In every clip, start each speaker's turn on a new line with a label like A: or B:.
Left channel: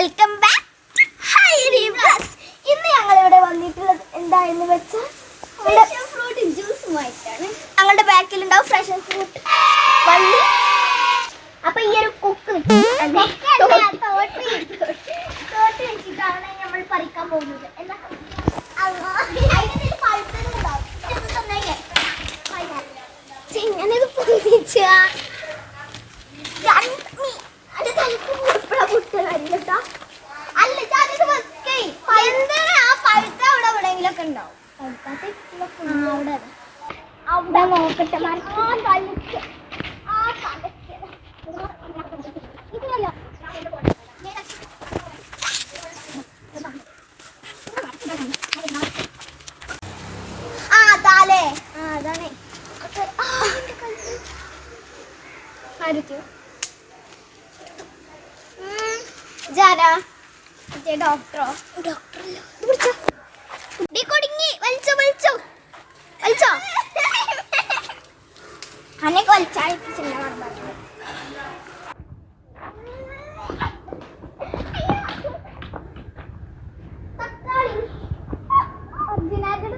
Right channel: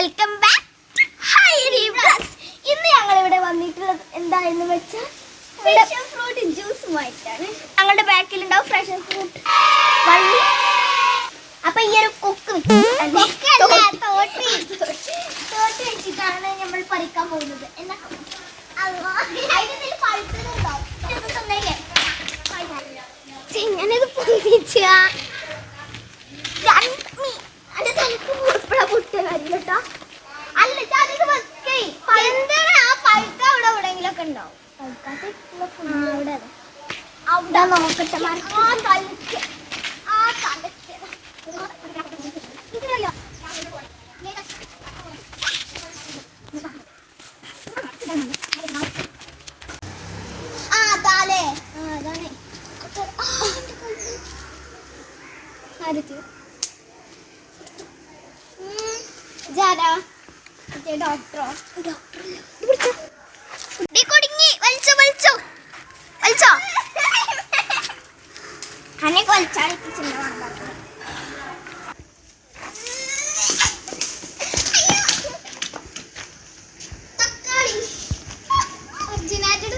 A: Welcome back high blogs ഇന്ന് ഞങ്ങൾ ഇവിടെ വന്നിട്ടുള്ളത് എന്താ എന്ന് വെച്ചാൽ ഫ്രഷ് ഫ്രൂട്ട് ജ്യൂസ് ജ്യൂസുമായിട്ടാണ് ഞങ്ങളുടെ ബാക്കിൽ ഉണ്ടാവും ഫ്രഷ് ഫ്രൂട്ട് വള്ളി. അപ്പൊ ഈ ഒരു കുക്ക് തോട്ടി വെച്ചിട്ടാണ് നമ്മൾ പറിക്കാൻ പോകുന്നത്. എന്നാ? പഴുത്തത് ഉണ്ടാവും ഞാനത് പൊന്നിച്ചാ എവിടെയെങ്കിലൊക്കെ ഉണ്ടാവും അവിടെ നോക്കട്ടെ ആ തലക്ക് ആ തലക്ക് ഇത്. കയ്യോ? ആ ആ അതാണ് ആരൊക്കെ? ജാരാ മറ്റേ ഡോക്ടറോ ഡോക്ടറല്ല? കുടുങ്ങി. വലിച്ചോ വലിച്ചോ. വലിച്ചോ. അനക്ക് വലിച്ചാൽ തക്കാളി. ഒറിജിനാലിറ്റി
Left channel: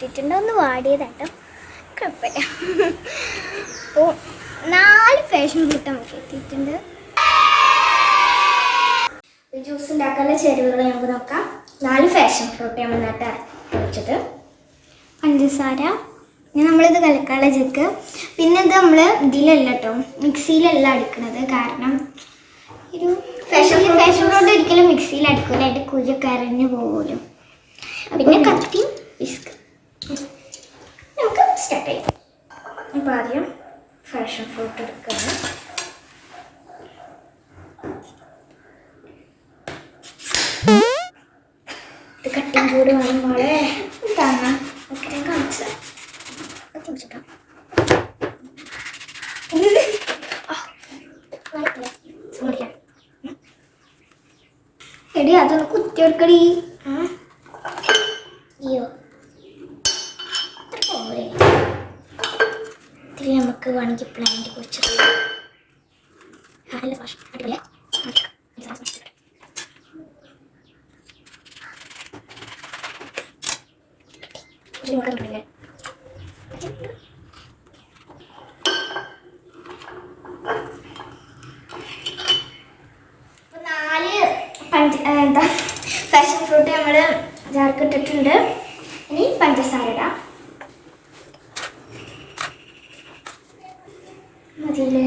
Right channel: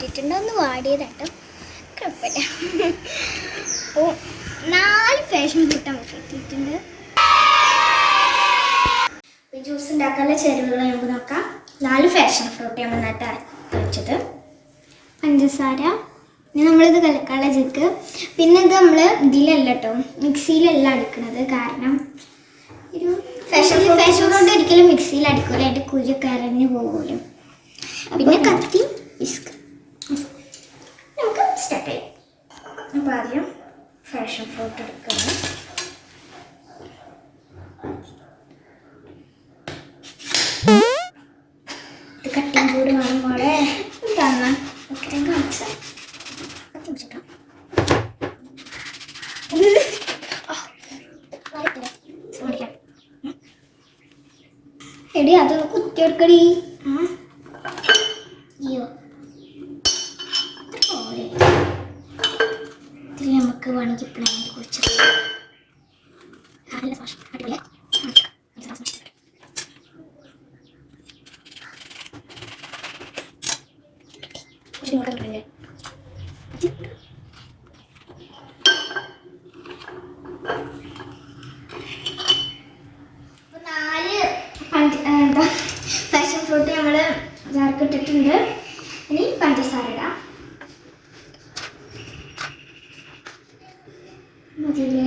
A: കിട്ടിയിട്ടുണ്ട് ഒന്ന് വാടിയതാട്ടോ. കുഴപ്പമില്ല. അപ്പോൾ നാല് ഫാഷൻ കൂട്ടം നമുക്ക് കിട്ടിയിട്ടുണ്ട്. ജ്യൂസ് ഉണ്ടാക്കാനുള്ള ചേരുവകൾ നമുക്ക് നോക്കാം. നാല് ഫാഷൻ ഫ്രൂട്ട് നമ്മൾ നട്ട് വെച്ചത്. പഞ്ചസാര. ഇനി നമ്മളിത് കലക്കാനുള്ള ജിക്ക് പിന്നെ ഇത് നമ്മൾ ഇതിലല്ല കേട്ടോ മിക്സിയിലല്ല അടിക്കണത് കാരണം ഒരു ഫാഷൻ ഫാഷൻ ഫ്രൂട്ട് ഒരിക്കലും മിക്സിയിൽ അടിക്കില്ല അതിന്റെ കുരു കരഞ്ഞു പോകുമല്ലോ പിന്നെ കത്തി വിസ്ക് നമുക്ക് സ്റ്റാർട്ട് ചെയ്യാം അപ്പോൾ ആദ്യം ഫാഷൻ ഫ്രൂട്ട് എടുക്കണം കട്ടിങ് കൂടി വേണം മോളെ. തന്ന ഓക്കെ ഞാൻ കാണിച്ചു പിടിച്ചിട്ടോ എടി അതൊന്ന് കുത്തിയെടുക്കടി അയ്യോ. പോരെ ഇത്തിരി നമുക്ക് വേണമെങ്കിൽ പ്ലാന്റ് കുറിച്ച്. നല്ല ഫാഷൻ അടിപൊളിയാ നാല് പഞ്ച- എന്താ? ഫാഷൻ ഫ്രൂട്ട് നമ്മൾ ചേർക്കിട്ടിട്ടുണ്ട് ഇനി പഞ്ചസാര ഇടാം മതിയില്ലേ?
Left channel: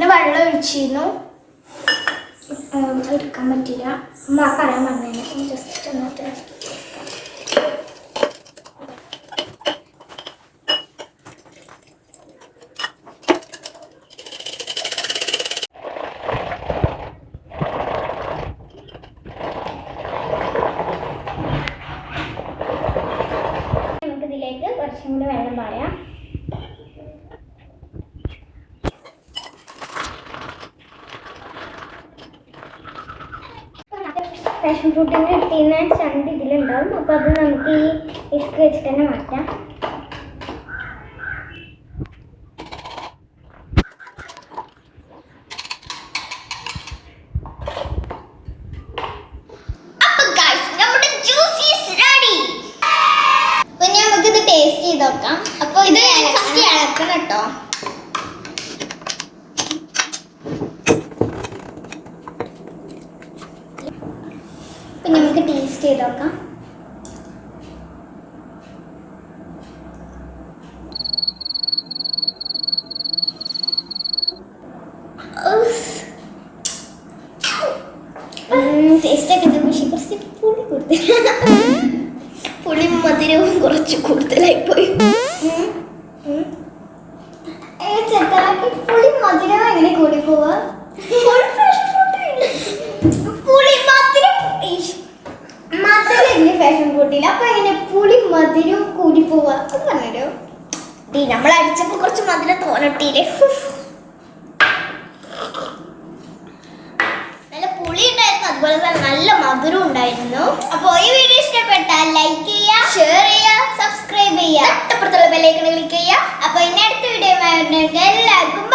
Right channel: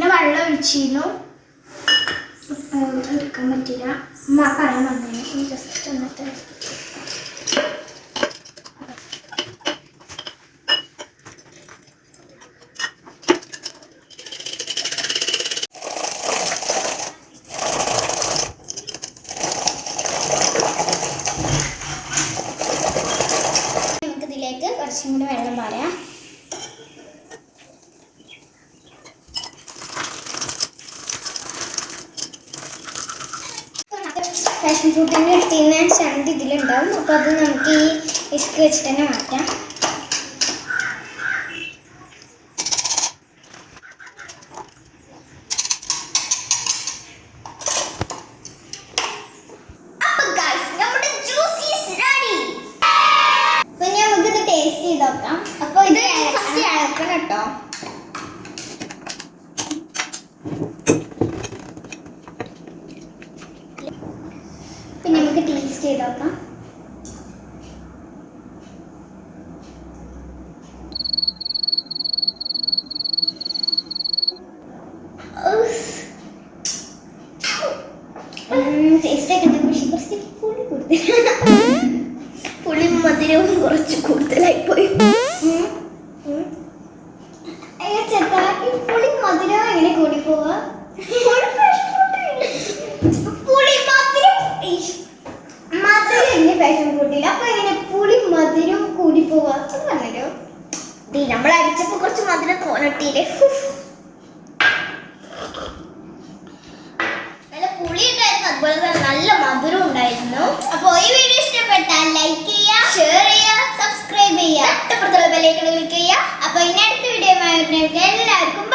A: പിന്നെ വെള്ളം ഒഴിച്ചിരുന്നു. എടുക്കാൻ പറ്റില്ല അമ്മ പറയാൻ പറഞ്ഞു ജസ്റ്റ് എന്നിട്ട് ഇതിലേക്ക് കുറച്ചും കൂടി വെള്ളം പാരാം. ഫാഷൻ ഫ്രൂട്ടിന് കിട്ടിയിരുന്ന ചണ്ട് ഇതിലുണ്ടാവും. അപ്പോൾ അത് നമുക്ക് ഈ വിസ്ക് വെച്ചിട്ട് തന്നെ മാറ്റാം. ടേസ്റ്റ് ചെയ്ത് നോക്കാം. അപ്പോൾ ഇത് ഫസ്റ്റ് ഇളക്കണം കേട്ടോ പിന്നെ നമുക്ക് ടേസ്റ്റ് ചെയ്ത് നോക്കാം ടേസ്റ്റ് ഒക്കെ ഉണ്ട് പക്ഷെ കുറച്ച് പുളി കൂടുതൽ. പുളി മധുരവും കുറച്ച് കൂടുതലായി പോയി. ചെറുതാക്കി പുളി മധുരം എങ്ങനെ കൂടി പോവാ പുളി മധുരം ഈശ്. മധുരം എങ്ങനെ ഫാഷൻ കൂട്ടില്ല അപ്പൊ എങ്ങനെ പുളി മധുരം കൂടി പോവാ അത് പറഞ്ഞോ ഡീ നമ്മൾ അടിച്ചപ്പോ കുറച്ച് മധുരം തോന്നിട്ടില്ലേ നല്ല പുളി ഉണ്ടായിരുന്നു അതുപോലെ തന്നെ നല്ല മധുരം ഉണ്ടായിരുന്നു. അപ്പോൾ ഈ വീഡിയോ ഇഷ്ടപ്പെട്ടാൽ ലൈക്ക് ചെയ്യുക ഷെയർ ചെയ്യുക സബ്സ്ക്രൈബ് ചെയ്യുക. തൊട്ടപ്പുറത്തുള്ള ബെല്ലൈക്കൺ ക്ലിക്ക് ചെയ്യുക. അപ്പോൾ ഇനി അടുത്ത വീഡിയോ എല്ലാവർക്കും